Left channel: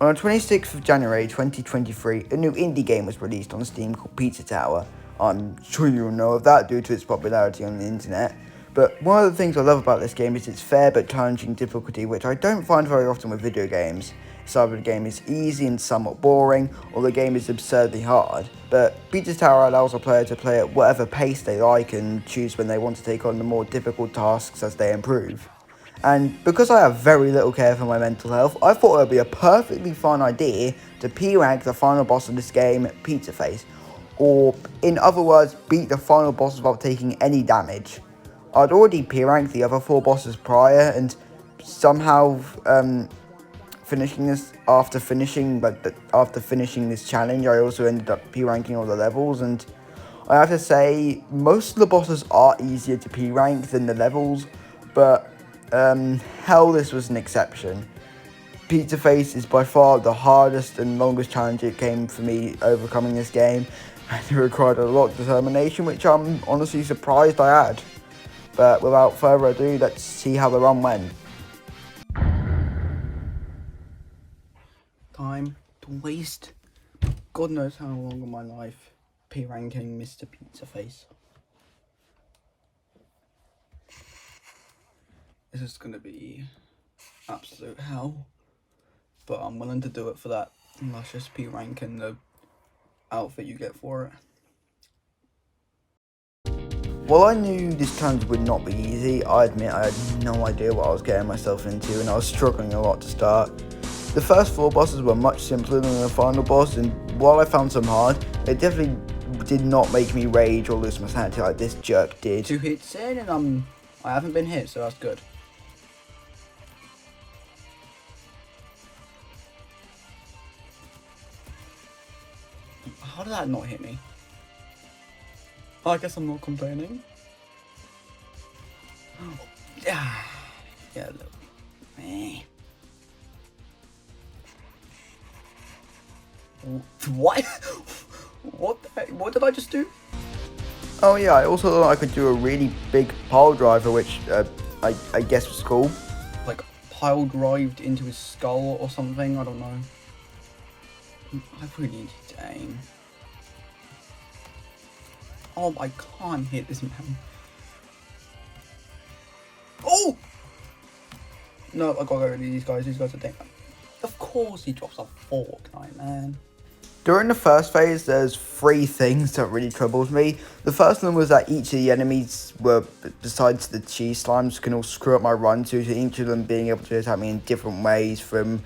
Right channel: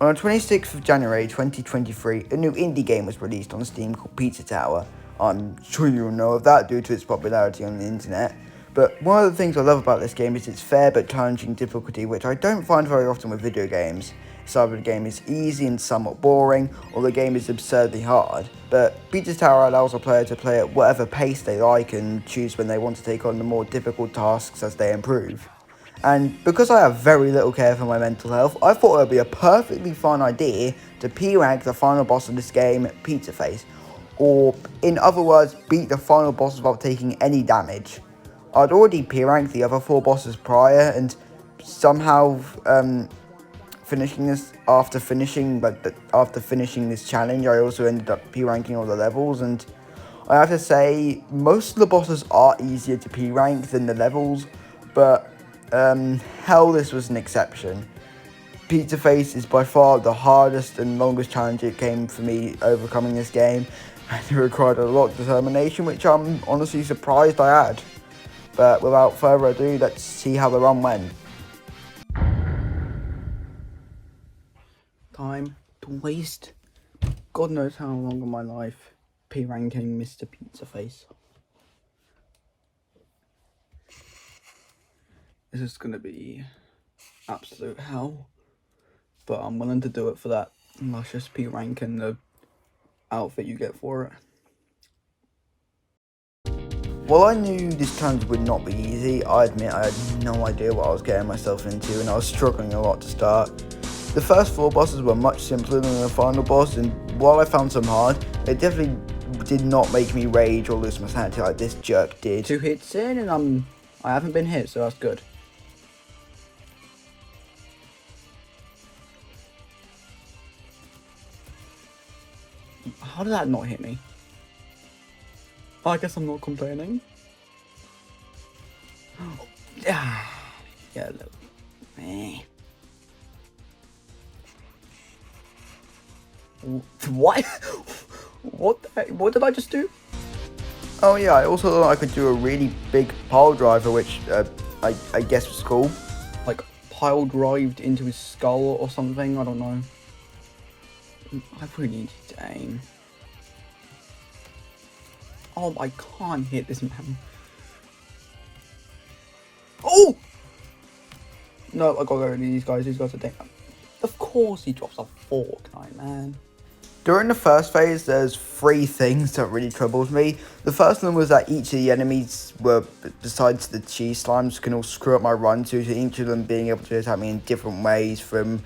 On the 26th of January 2023, a new indie game was released on Steam called Pizza Tower. I'm sure you'll know of that due to its popularity on the internet. But one of the things I love about this game is its fair but challenging difficulty, which I don't find very often with video games. It's either the game is easy and somewhat boring, or the game is absurdly hard. But Pizza Tower allows a player to play at whatever pace they like and choose when they want to take on the more difficult tasks as they improve. And because I have very little care for my mental health, I thought it would be a perfectly fine idea to P-rank the final boss of this game, Pizza Face. Or, in other words, beat the final boss without taking any damage. I'd already P-ranked the other 4 bosses prior, and somehow finishing this after finishing this challenge, I also ended up P-ranking all the levels, and I have to say most of the bosses are easier to P-rank than the levels, but hell, this was an exception. Pizza Face is by far the hardest and longest challenge it came for me overcoming this game, and it required a lot of determination, which I'm honestly surprised I had. But without further ado, let's see how the run went. Time to waste. God knows how long of my life P-ranking Mr. Pizza Face. This is gonna be absolute hell, but I'm willing to do it for that luscious P-rank and the outfit you get for it. While I knew this challenge would not be easy, I admit I had no idea what I was getting myself into, and I was struggling a lot to start. The first 4 bosses were much simpler than the final boss, and while I found some hard, it definitely did not make me rage or lose my sanity like this jerk did. 2 hits in, and I haven't been hit, so that's good. How did that not hit me? I guess I'm not complaining. Yeah, look. What? What the heck? What did I just do? Oh yeah, I also thought I could do a really big pile driver, which I guess was cool. Like pile drived into his skull or something, I don't know. I really need to aim. Oh, I can't hit this man. Oh! No, I gotta go with these guys. These guys are dead. Of course he drops a fork, man. During the first phase, there's 3 things that really troubled me. The first one was that each of the enemies were, besides the cheese slimes, can all screw up my run to each of them being able to attack me in different ways, from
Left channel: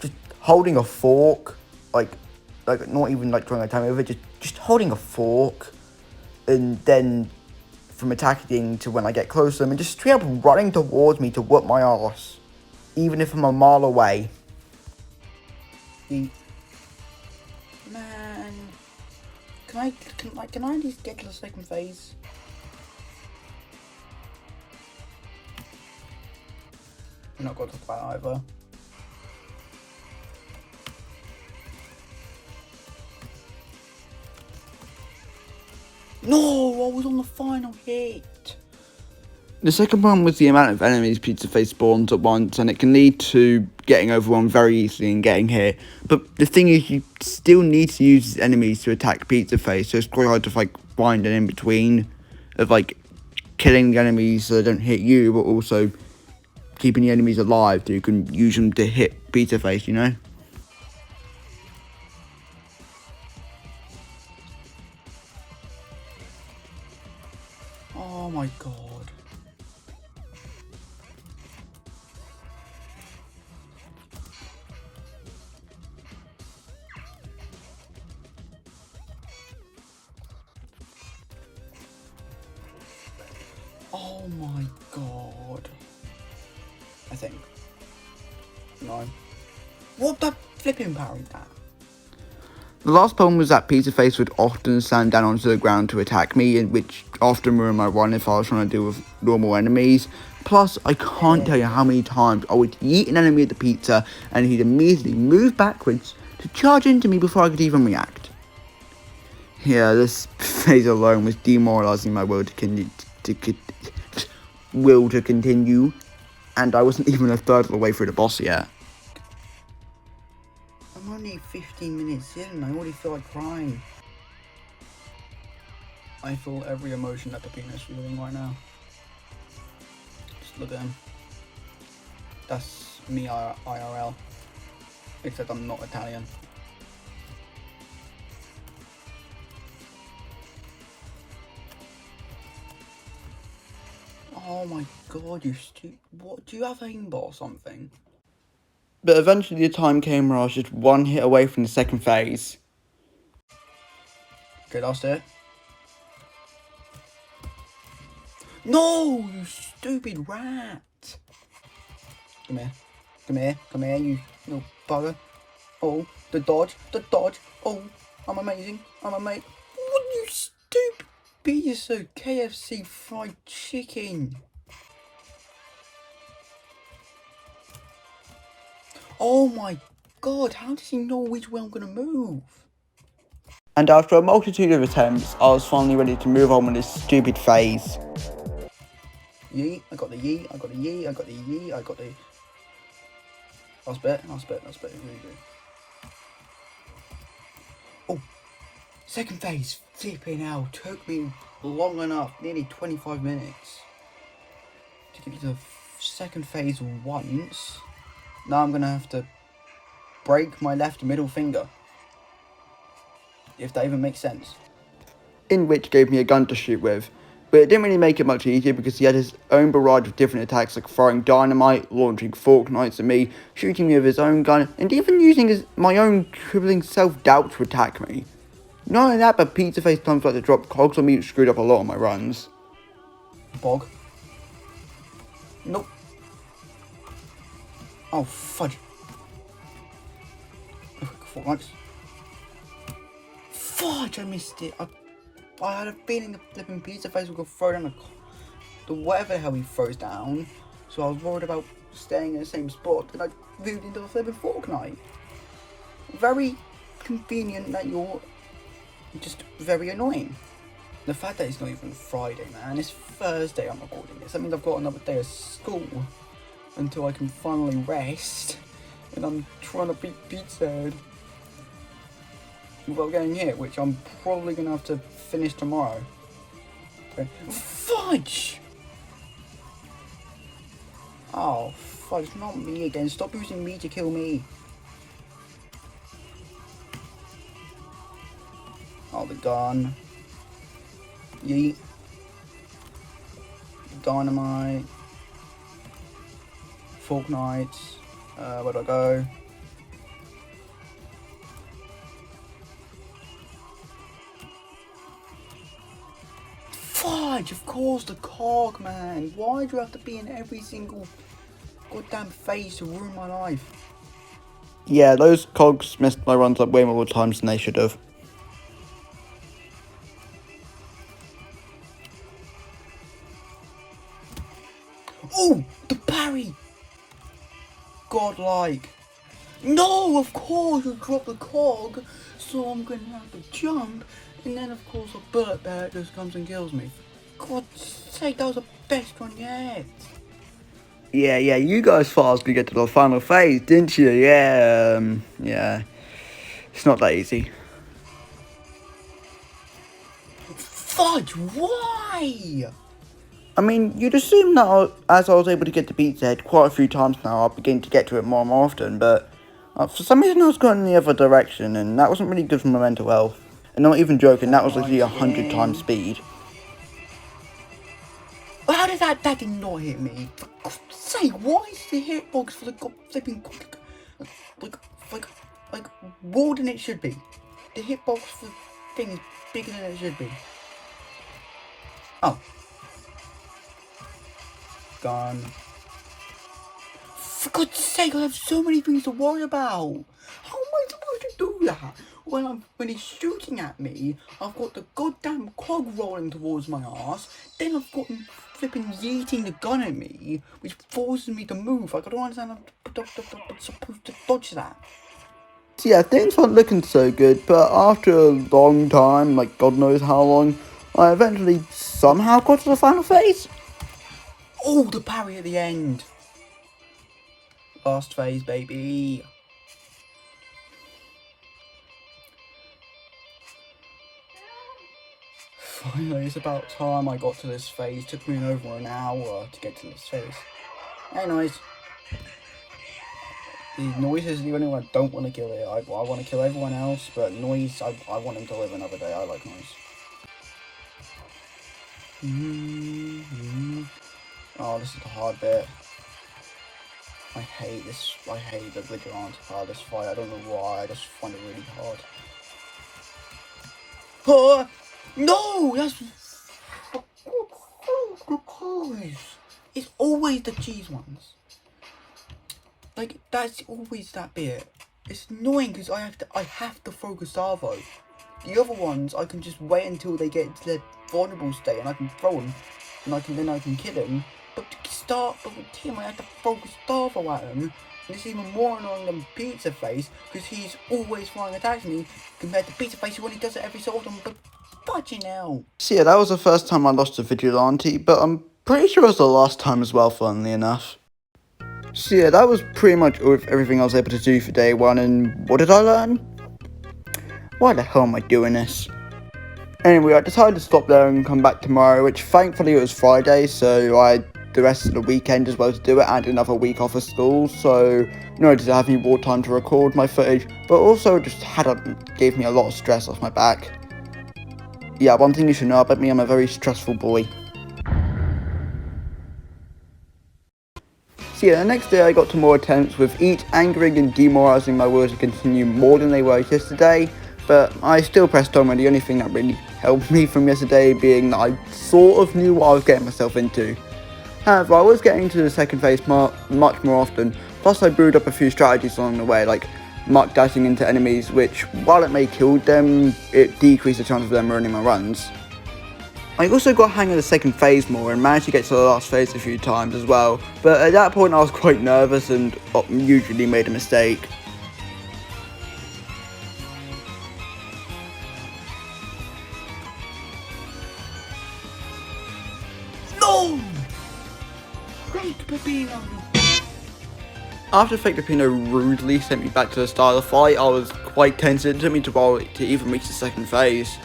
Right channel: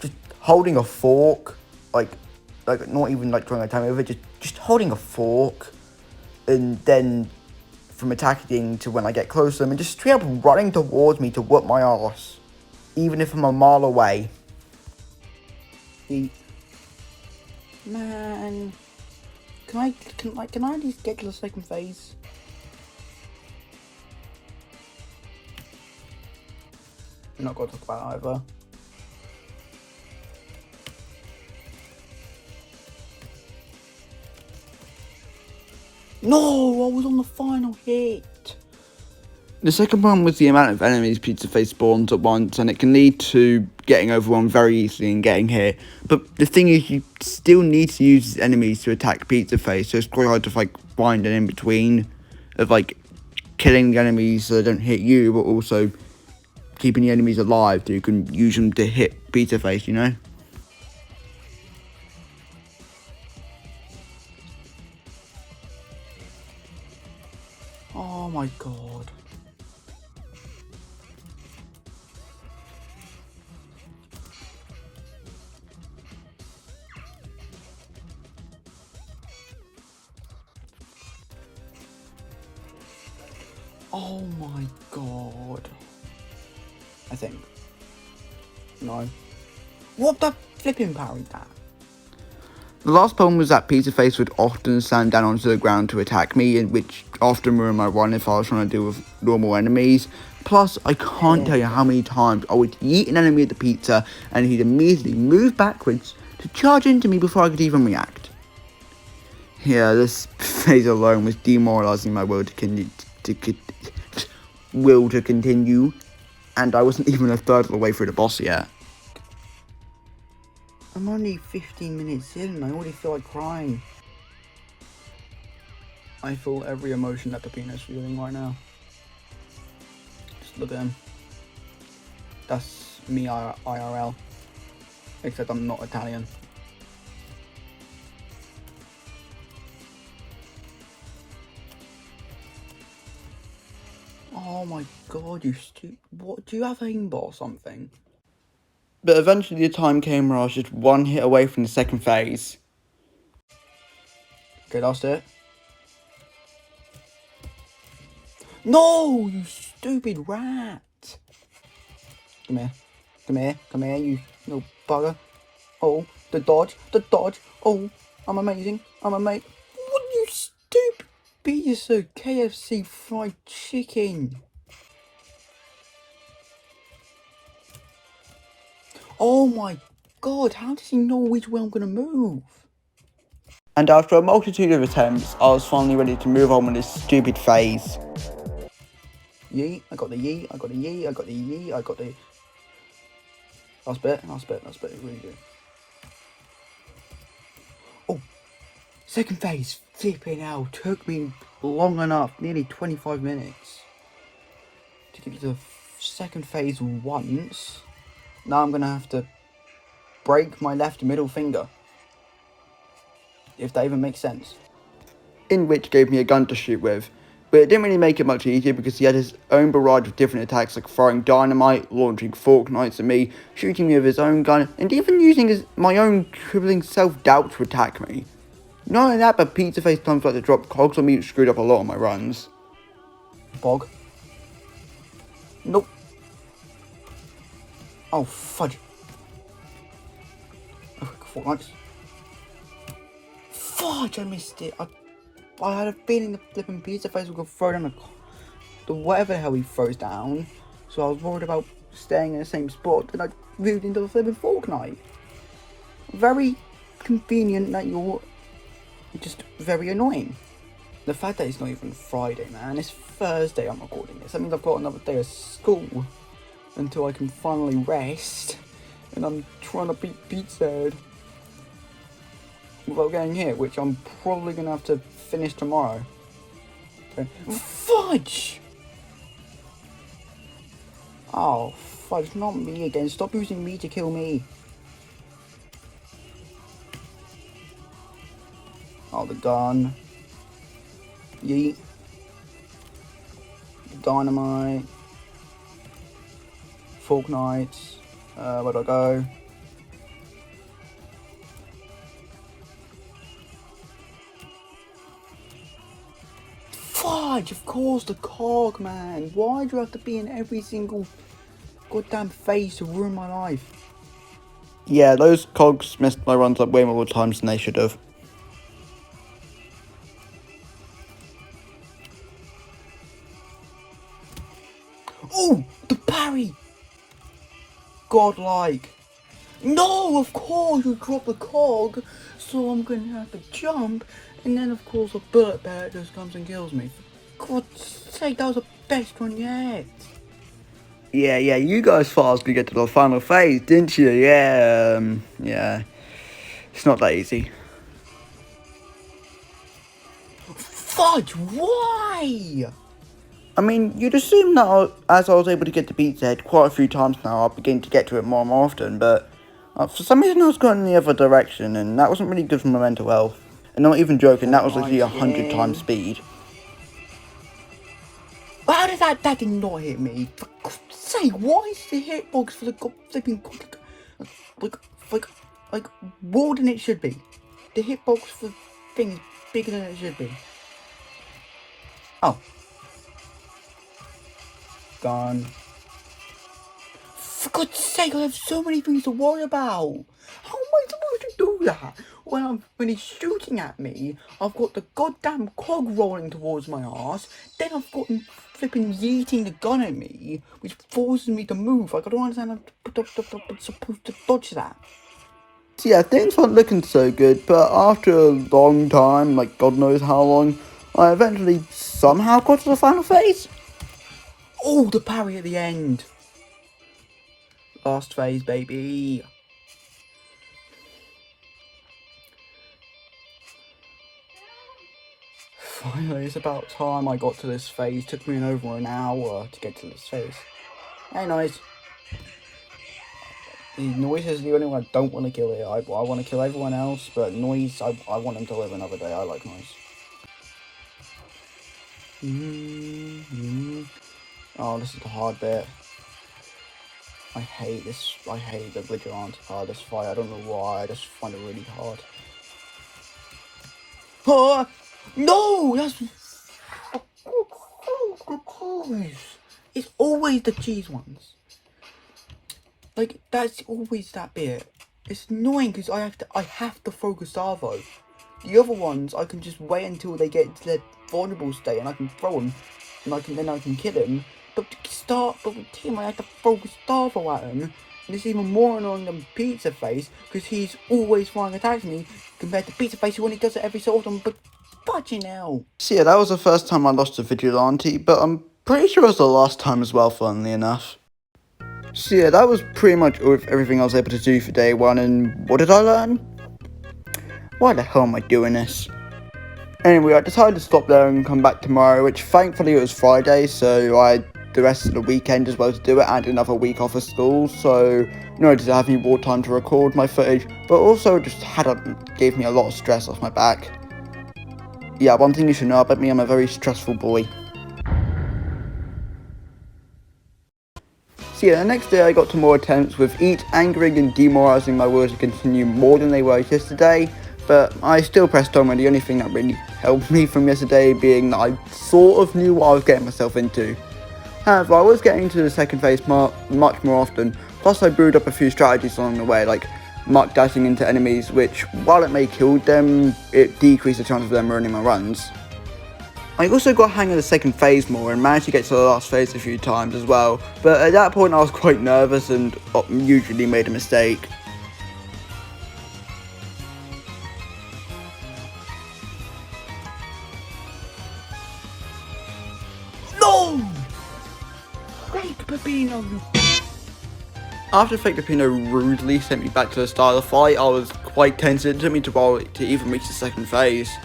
just holding a fork, like not even like trying to attack me with it, just holding a fork, and then from attacking to when I get close to them, and just straight up running towards me to whoop my arse, even if I'm a mile away. Man, can I at least get to the second phase? I'm not going to quite either. No, I was on the final hit. The second one was the amount of enemies Pizza Face spawns at once, and it can lead to getting overwhelmed very easily and getting hit. But the thing is, you still need to use enemies to attack Pizza Face, so it's quite hard to find an in-between of killing the enemies so they don't hit you, but also keeping the enemies alive so you can use them to hit Pizza Face, you know? Oh my god. Oh my god. I think. No. What the flipping parried that? The last problem was that Pizza Face would often stand down onto the ground to attack me, which often ruined my run if I was trying to deal with normal enemies. Plus, I can't tell you how many times I would yeet an enemy at the pizza and he'd immediately move backwards to charge into me before I could even react. Yeah, this phase alone was demoralising my will to continue, and I wasn't even a third of the way through the boss yet. I'm only 15 minutes in and I already feel like crying. I feel every emotion that Peppino's feeling right now. Just look at him. That's me IRL. Except I'm not Italian. Oh my god, you stupid. What, do you have aimbot or something? But eventually the time came where I was just one hit away from the second phase. Okay, that's it. No, you stupid rat! Come here. Come here. Come here, you little bugger. Oh, the dodge. The dodge. Oh, I'm amazing. I'm amazing. What, you stupid piece of KFC fried chicken? Oh my god, how does he know which way I'm gonna move? And after a multitude of attempts, I was finally ready to move on with this stupid phase. Yeet, I got the yeet, I got the yeet, I got the yeet, I got the... Last bit, really good. Oh, second phase, flipping out, took me long enough, nearly 25 minutes to get to the second phase once. Now I'm gonna have to break my left middle finger, if that even makes sense. In which gave me a gun to shoot with, but it didn't really make it much easier because he had his own barrage of different attacks like throwing dynamite, launching fork knights at me, shooting me with his own gun, and even using my own crippling self-doubt to attack me. Not only that, but Pizza Face times like to drop cogs on me, which screwed up a lot of my runs. Bog. Nope. Oh, fudge. Oh, fork knights. Fudge, I missed it. I had a feeling the flipping Pizza Face would go throw in the whatever the hell he throws down, so I was worried about staying in the same spot, and I moved into the flipping fork knight. Very convenient that you're just very annoying. The fact that it's not even Friday, man, it's Thursday I'm recording this. That means I've got another day of school until I can finally rest, and I'm trying to beat Pizza Head without getting hit, which I'm probably going to have to finish tomorrow. Okay. Fudge! Oh, fudge, not me again. Stop using me to kill me. Oh, the gun. Yeet. Dynamite. Fork knights. Where do I go? Fudge, of course, the cog, man. Why do you have to be in every single goddamn phase to ruin my life? Yeah, those cogs messed my runs up way more times than they should have. Oh, the parry! Godlike. No, of course, you drop the cog, so I'm going to have to jump, and then of course a bullet bear just comes and kills me. God's sake, that was the best one yet. Yeah, you guys thought I was going to get to the final phase, didn't you? Yeah. It's not that easy. Fudge, why? I mean, you'd assume that as I was able to get the Pizza Head quite a few times now, I'll begin to get to it more and more often, but for some reason I was going in the other direction, and that wasn't really good for my mental health. And not even joking, that was literally 100 times speed. How did that did not hit me? For God's sake, why is the hitbox for the flipping like more than it should be? The hitbox for the thing is bigger than it should be. Oh. Gone. For God's sake, I have so many things to worry about. How am I supposed to do that? When he's shooting at me, I've got the goddamn cog rolling towards my ass, then I've got him flipping yeeting the gun at me, which forces me to move. Like, I don't understand how I'm supposed to dodge that. So yeah, things weren't looking so good, but after a long time, like God knows how long, I eventually somehow got to the final phase. Oh, the parry at the end. Last phase, baby. finally, it's about time I got to this phase. Took me over an hour to get to this phase. Hey, Noise. Noise is the only one I don't want to kill here. I want to kill everyone else, but Noise, I want him to live another day. I like Noise. Oh, this is the hard bit. I hate this. I hate the Vigilante part of this fight. I don't know why. I just find it really hard. Oh, no! That's... It's always the cheese ones. Like, that's always that bit. It's annoying because I have to throw Gustavo. The other ones, I can just wait until they get into their vulnerable state and I can throw them. And then I can kill him. But with Team, I have to throw Gustavo at him. And it's even more annoying than Pizza Face, because he's always flying attacks me, compared to Pizza Face, who only does it every so often, but fudging hell. So yeah, that was the first time I lost to Vigilante, but I'm pretty sure it was the last time as well, funnily enough. So yeah, that was pretty much everything I was able to do for day one, and what did I learn? Why the hell am I doing this? Anyway, I decided to stop there and come back tomorrow, which thankfully it was Friday, so I had the rest of the weekend as well to do it, and another week off of school, so not only did I have any more time to record my footage, but also just gave me a lot of stress off my back. Yeah, one thing you should know about me, I'm a very stressful boy. So yeah, the next day I got to more attempts, with each angering and demoralising my words to continue more than they were yesterday, but I still pressed on, and the only thing that really helped me from yesterday being that I sort of knew what I was getting myself into. However, I was getting into the second phase much more often, plus I brewed up a few strategies along the way, like muck dashing into enemies, which, while it may kill them, it decreased the chance of them ruining my runs. I also got a hang of the second phase more and managed to get to the last phase a few times as well, but at that point I was quite nervous and usually made a mistake. No! Fake Peppino! After Fake Peppino rudely sent me back to the start of the fight, I was quite tense. It took me a while to even reach the second phase.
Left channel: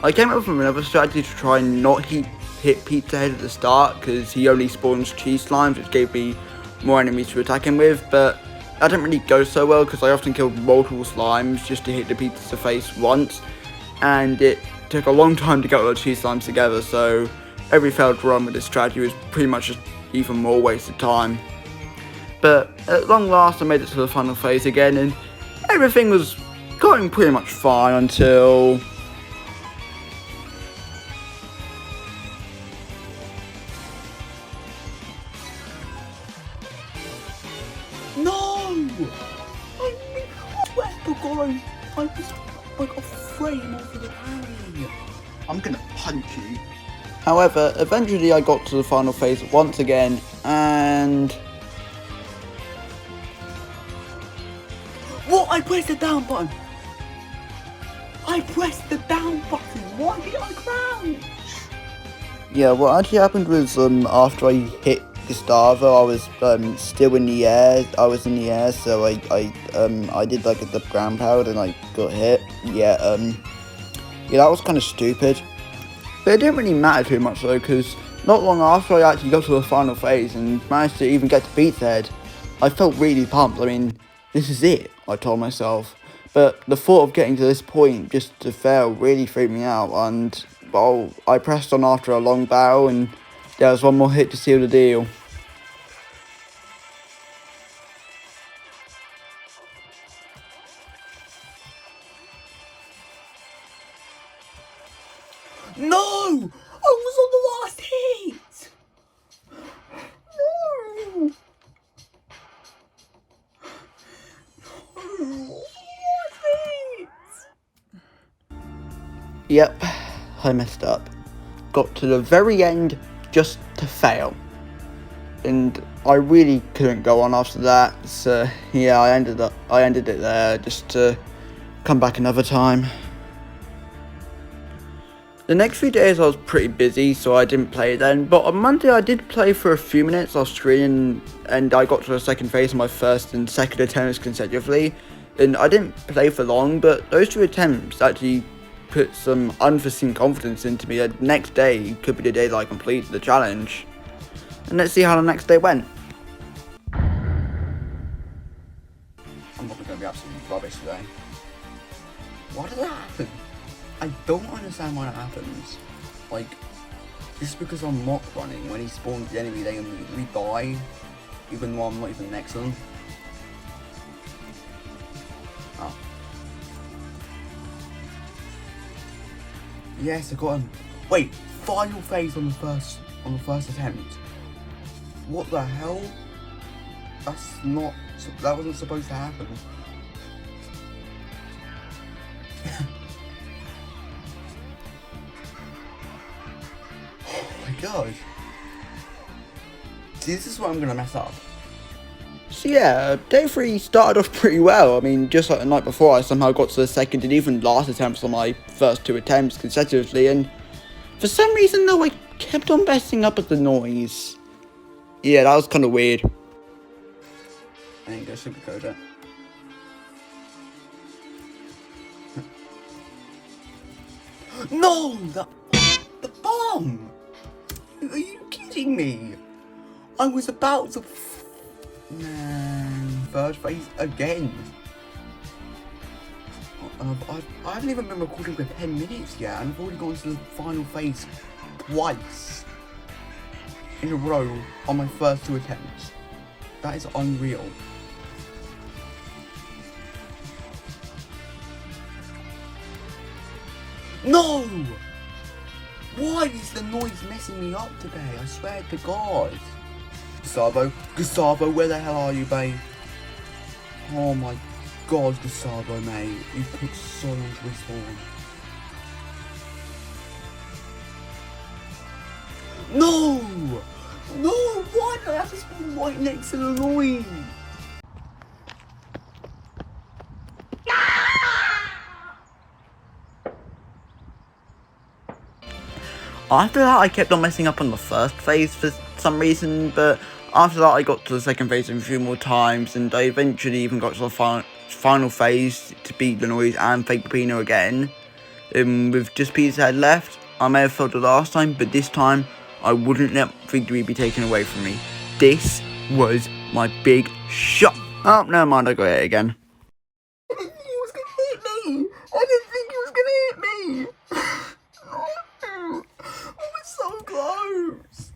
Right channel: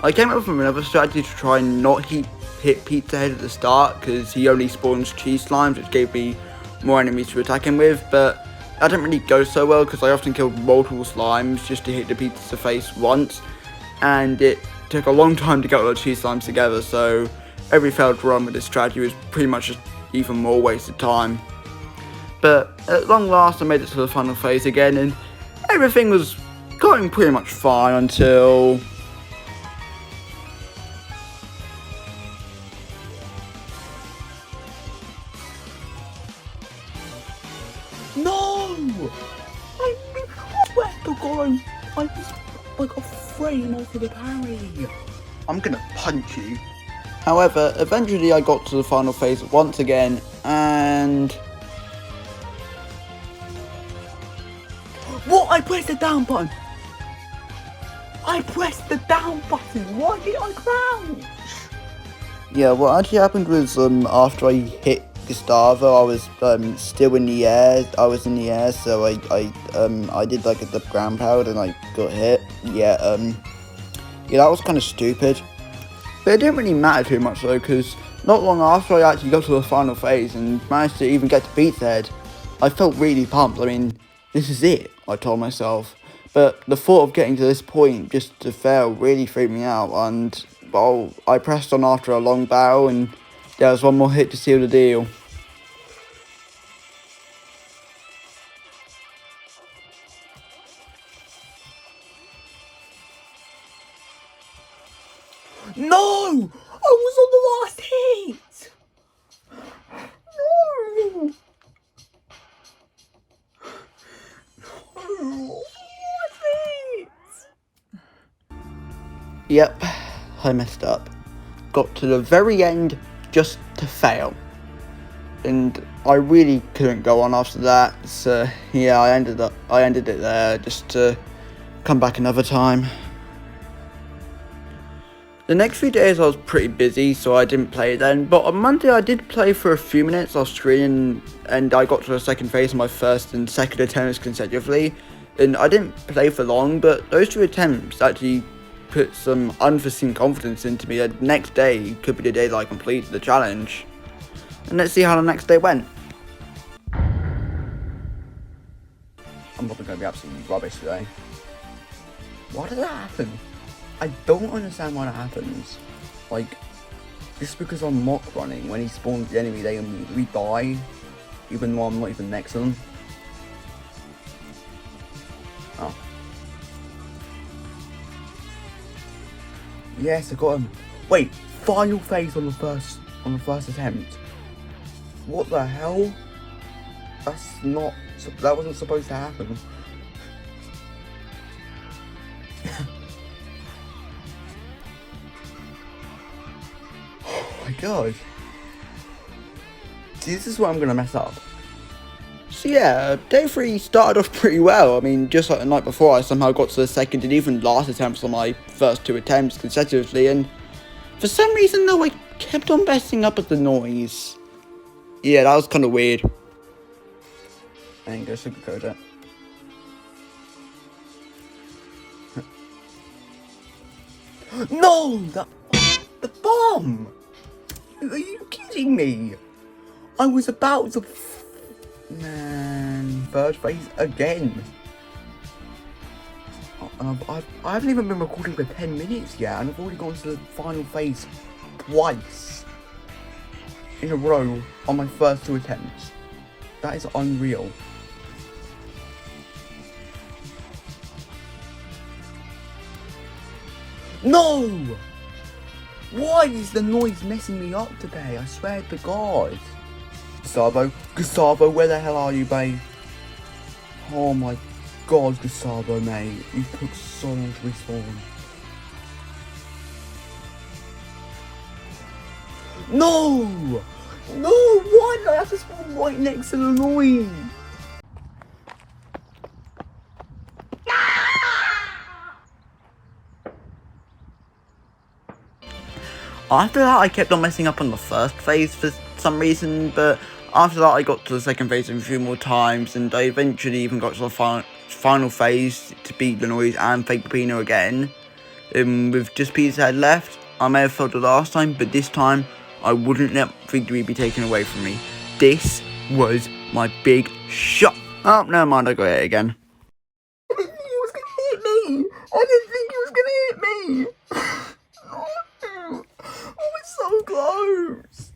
I came up with another strategy to try and not hit Pizza Head at the start, because he only spawns cheese slimes, which gave me more enemies to attack him with, but that didn't really go so well because I often killed multiple slimes just to hit the Pizza face once, and it took a long time to get all the cheese slimes together, so every failed run with this strategy was pretty much just even more wasted time. But at long last I made it to the final phase again, and everything was going pretty much fine until... No! I swear to God, I was like a frame over the parry. I'm gonna punch you. However, eventually I got to the final phase once again, and... What? I pressed the down button! I pressed the down button! Why did I crouch? Yeah, what actually happened was, after I hit Gustavo, I was still in the air. I was in the air, so I did like the ground pound and I got hit. Yeah, that was kind of stupid. But it didn't really matter too much though, because not long after I actually got to the final phase and managed to even get to Pizza Head, I felt really pumped. I mean, this is it, I told myself. But the thought of getting to this point just to fail really freaked me out, and well, I pressed on after a long battle, and there was one more hit to seal the deal. No! I was on the last hit! No! Yep, I messed up. Got to the very end just to fail. And I really couldn't go on after that, so yeah, I ended it there just to come back another time. The next few days I was pretty busy, so I didn't play then, but on Monday I did play for a few minutes off screen, and I got to the second phase on my first and second attempts consecutively, and I didn't play for long, but those two attempts actually put some unforeseen confidence into me. The next day could be the day that I complete the challenge. And let's see how the next day went. I'm probably going to be absolutely rubbish today. Why does that happen? I don't understand why that happens. Like, just because I'm mock running, when he spawns the enemy, they immediately die, even though I'm not even next to them. Oh. Yes, I got him. Wait, final phase on the first attempt. What the hell? That wasn't supposed to happen. Oh my god. This is where I'm gonna mess up. So yeah, day 3 started off pretty well. I mean, just like the night before, I somehow got to the second and even last attempts on my first 2 attempts consecutively, and for some reason though, I kept on messing up at the noise. Yeah, that was kind of weird. I ain't gonna sugarcoat it. No! The bomb! Are you kidding me? I was about to... Man, third phase again. I haven't even been recording for 10 minutes yet, and I've already gone to the final phase twice in a row on my first 2 attempts. That is unreal. No! Why is the noise messing me up today? I swear to God. Gustavo, where the hell are you, babe? Oh my God, Gustavo, mate. You put so much risk on me. No! No! Why did I have to spawn right next to the noise? After that, I kept on messing up on the first phase for some reason, but after that, I got to the second phase a few more times, and I eventually even got to the final phase to beat the noise and fake Peppino again. With just Pizza Head left, I may have failed the last time, but this time, I wouldn't let victory be taken away from me. This was my big shot. Oh, never mind, I got it again. I didn't think he was gonna hit me! I didn't think he was gonna hit me! I was so close!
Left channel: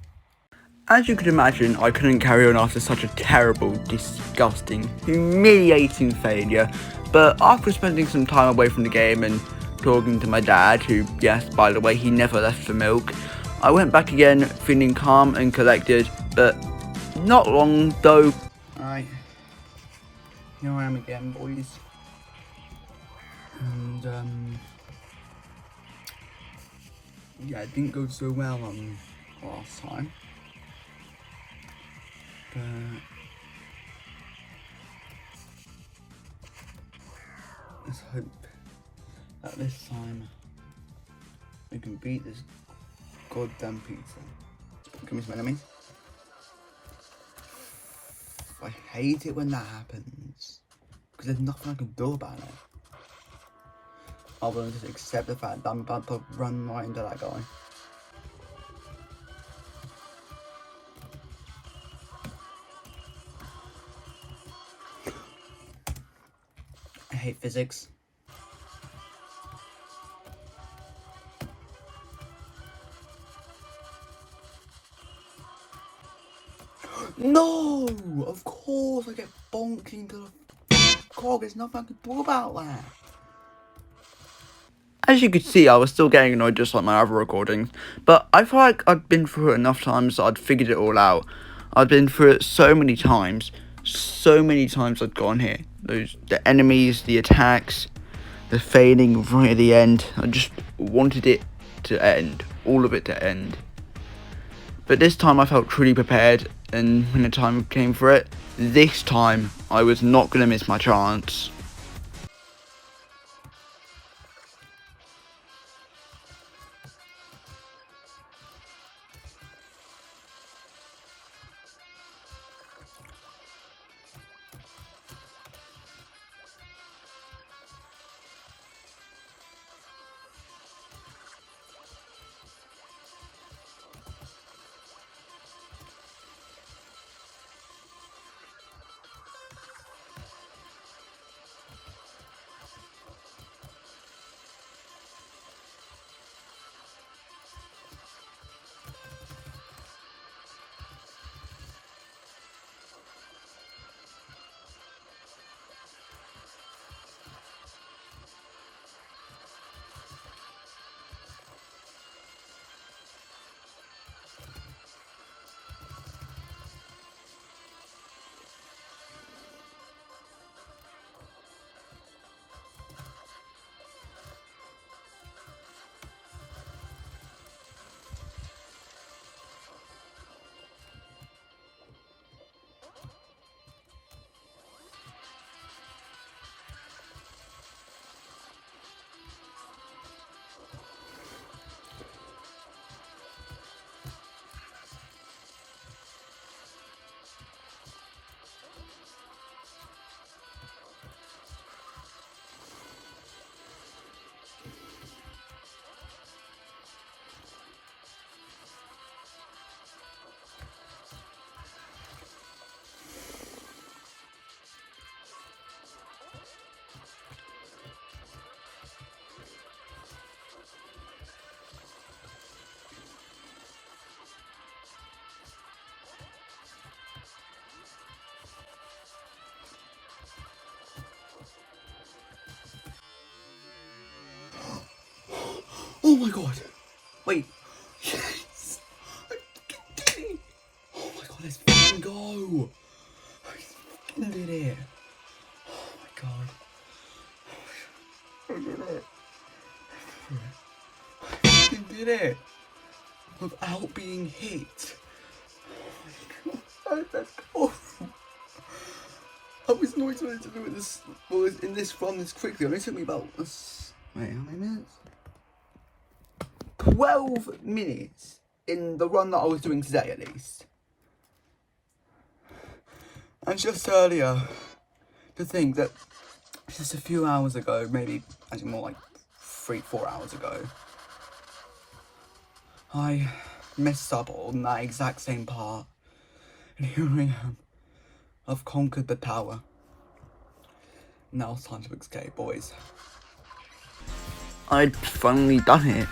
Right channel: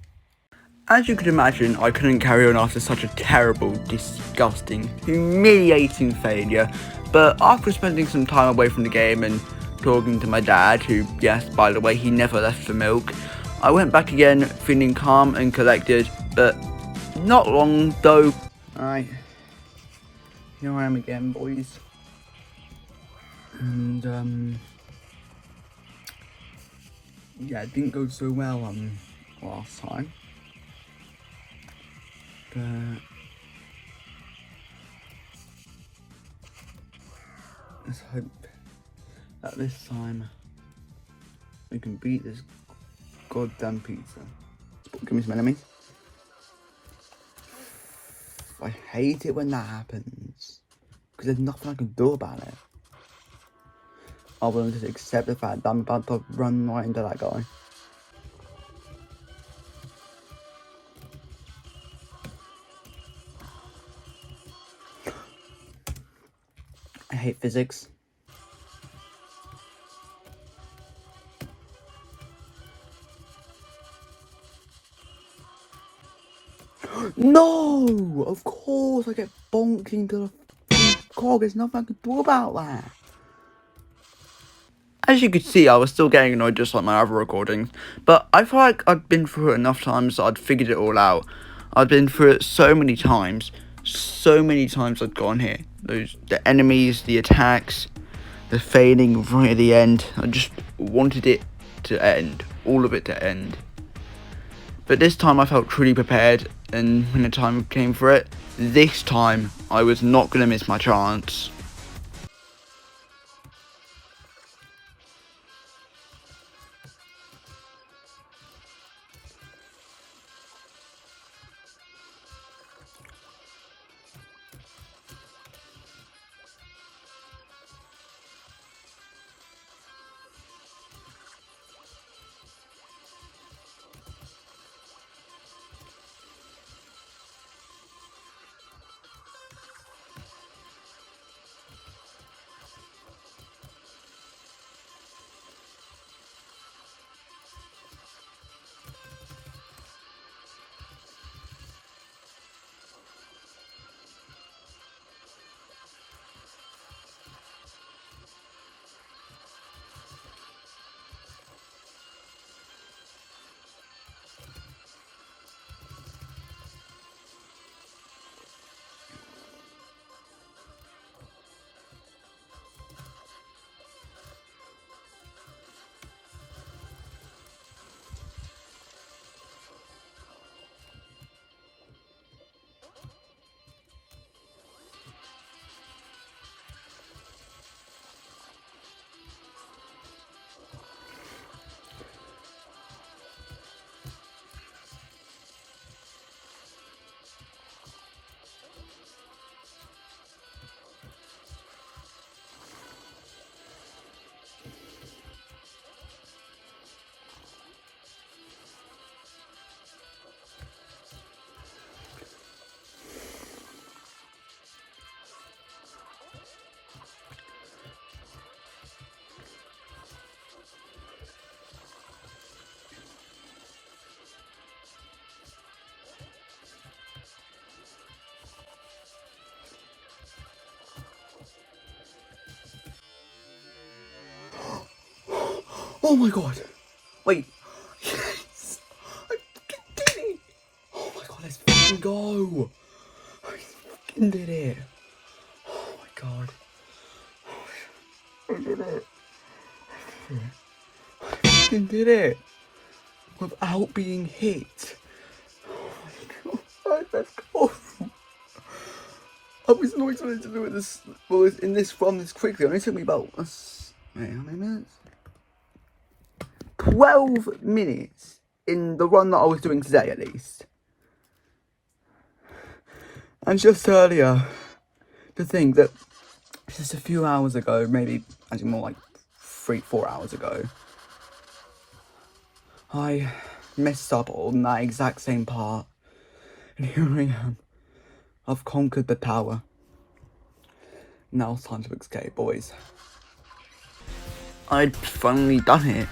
As you could imagine, I couldn't carry on after such a terrible, disgusting, humiliating failure, but after spending some time away from the game and talking to my dad, who, yes, by the way, he never left for milk, I went back again, feeling calm and collected, but not long, though. Alright, here I am again, boys. And, yeah, it didn't go so well last time. But let's hope that this time we can beat this goddamn pizza. Give me some enemies. I hate it when that happens because there's nothing I can do about it. Other than just accept the fact that I'm about to run right into that guy. I hate physics. No! Of course I get bonked into the cog. There's nothing I can do about that. As you could see, I was still getting annoyed just like my other recordings, but I feel like I'd been through it enough times that I'd figured it all out. I'd been through it so many times I'd gone here. The enemies, the attacks, the fading right at the end. I just wanted it to end, all of it to end. But this time I felt truly prepared, and when the time came for it, this time I was not going to miss my chance. Oh my god. Wait. Yes. I did it. Oh my god, let's fucking go. I fucking did it. Oh my god. I did it. I fucking did it. Without being hit. Oh my god. Let's go. I was not expecting to do it this, well, in this run this quickly. It only took me about, wait, how many minutes? 12 minutes in the run that I was doing today, at least. And just earlier, to think that just a few hours ago, maybe actually more like 3-4 hours ago, I messed up on that exact same part. And here I am. I've conquered the tower. Now it's time to escape, boys. I'd finally done it.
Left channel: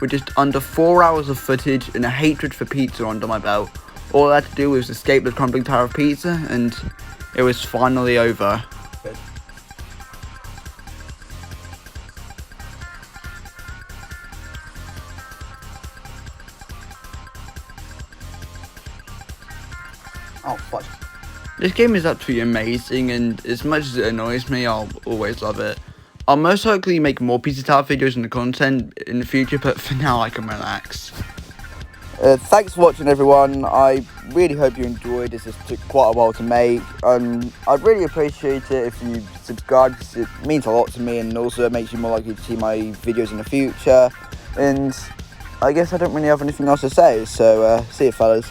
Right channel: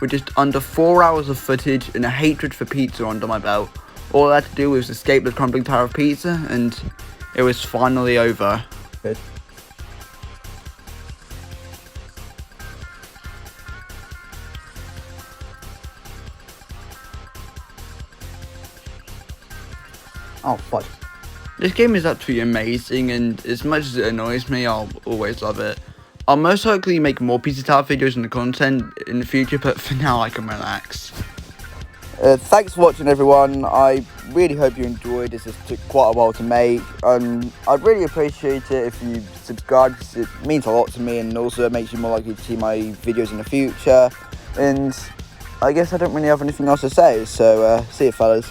With just under 4 hours of footage and a hatred for pizza under my belt, all I had to do was escape the crumbling tower of pizza, and it was finally over. Good. Oh, fudge. This game is absolutely amazing, and as much as it annoys me, I'll always love it. I'll most likely make more Pizza Tower videos and the content in the future, but for now I can relax. Thanks for watching, everyone. I really hope you enjoyed this. It took quite a while to make. I'd really appreciate it if you subscribe, because it means a lot to me, and also it makes you more likely to see my videos in the future. And I guess I don't really have anything else to say, so see you, fellas.